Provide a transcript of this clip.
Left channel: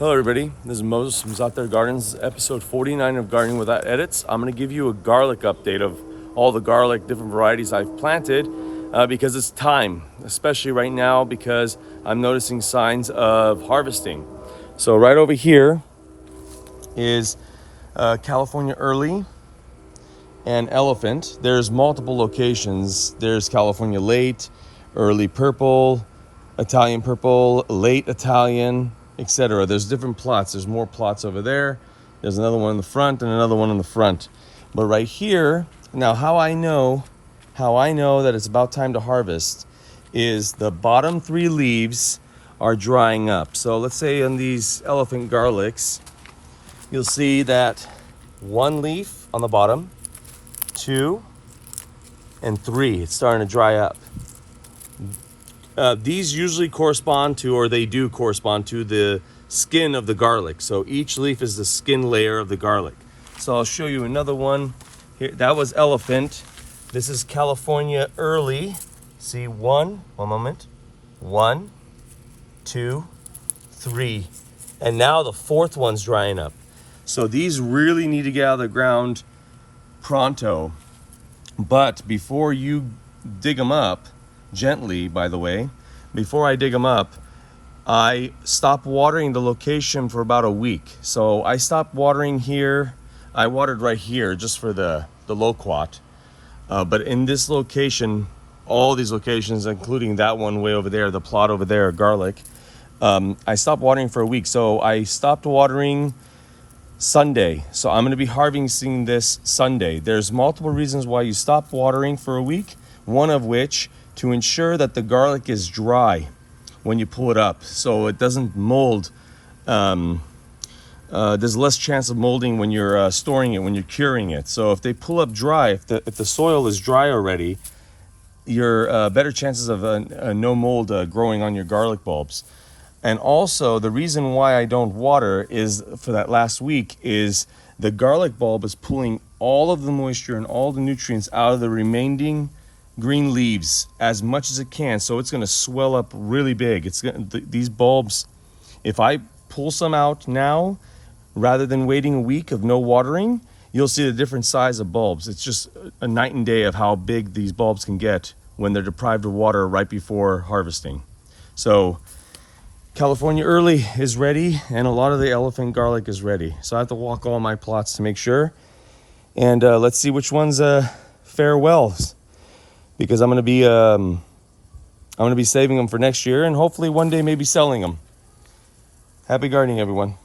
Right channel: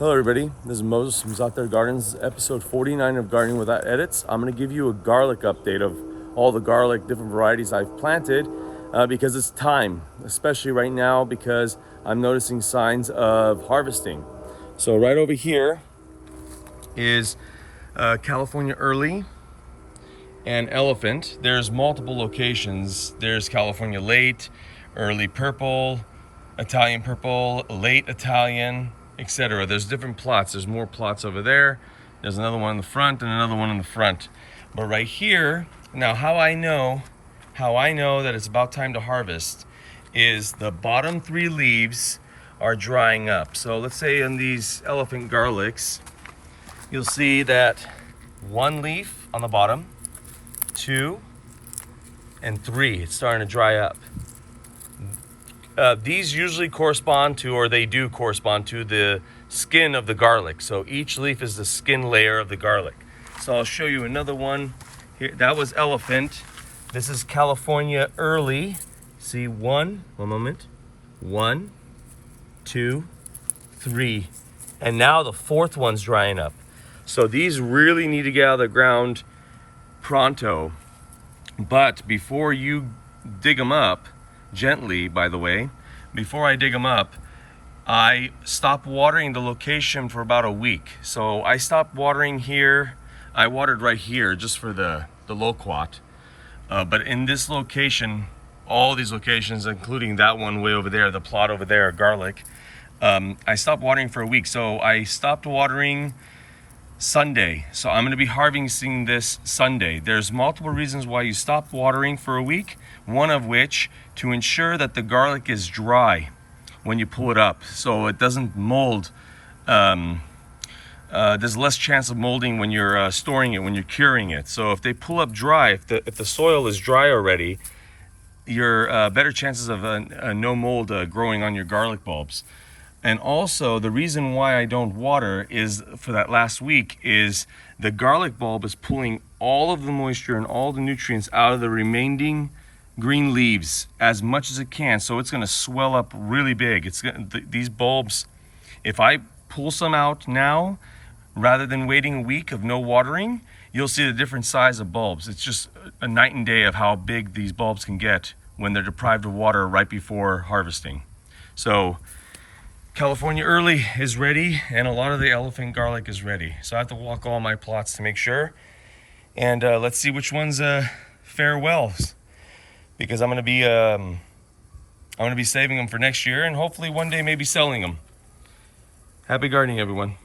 Hello everybody, this is Moses from Zaatargardens, episode 49 of Gardening Without Edits. I'm going to give you a garlic update of all the garlic, different varieties I've planted because it's time, especially right now because I'm noticing signs of harvesting. So right over here is California Early and Elephant. There's multiple locations. There's California Late, Early Purple, Italian Purple, Late Italian, etc. There's different plots. There's more plots over there. There's another one in the front and another one in the front. But right here, now how I know that it's about time to harvest is the bottom 3 leaves are drying up. So let's say in these elephant garlics, you'll see that 1 leaf on the bottom, 2, and 3. It's starting to dry up. These usually correspond to, or they do correspond to, the skin of the garlic. So each leaf is the skin layer of the garlic. So I'll show you another one. Here, that was Elephant. This is California Early. See, one moment. 1, 2, 3. And now the 4th one's drying up. So these really need to get out of the ground pronto. But before you dig them up, gently, by the way, before I dig them up, I stop watering the location for about a week. So I stopped watering here. I watered right here just for the loquat. But in this location, all these locations, including that one way over there, the plot over there, garlic, I stopped watering for a week. So I stopped watering Sunday. So I'm going to be harvesting this Sunday. There's multiple reasons why you stop watering for a week. One of which, to ensure that the garlic is dry when you pull it up, so it doesn't mold. There's less chance of molding when you're storing it, when you're curing it. So if they pull up dry, if the soil is dry already, you're better chances of no mold growing on your garlic bulbs. And also, the reason why I don't water is, for that last week, is the garlic bulb is pulling all of the moisture and all the nutrients out of the remaining green leaves as much as it can. So it's going to swell up really big. These bulbs, if I pull some out now, rather than waiting a week of no watering, you'll see the different size of bulbs. It's just a night and day of how big these bulbs can get when they're deprived of water right before harvesting. So California Early is ready, and a lot of the elephant garlic is ready. So I have to walk all my plots to make sure. And let's see which ones fare well, because I'm going to be saving them for next year, and hopefully one day maybe selling them. Happy gardening, everyone.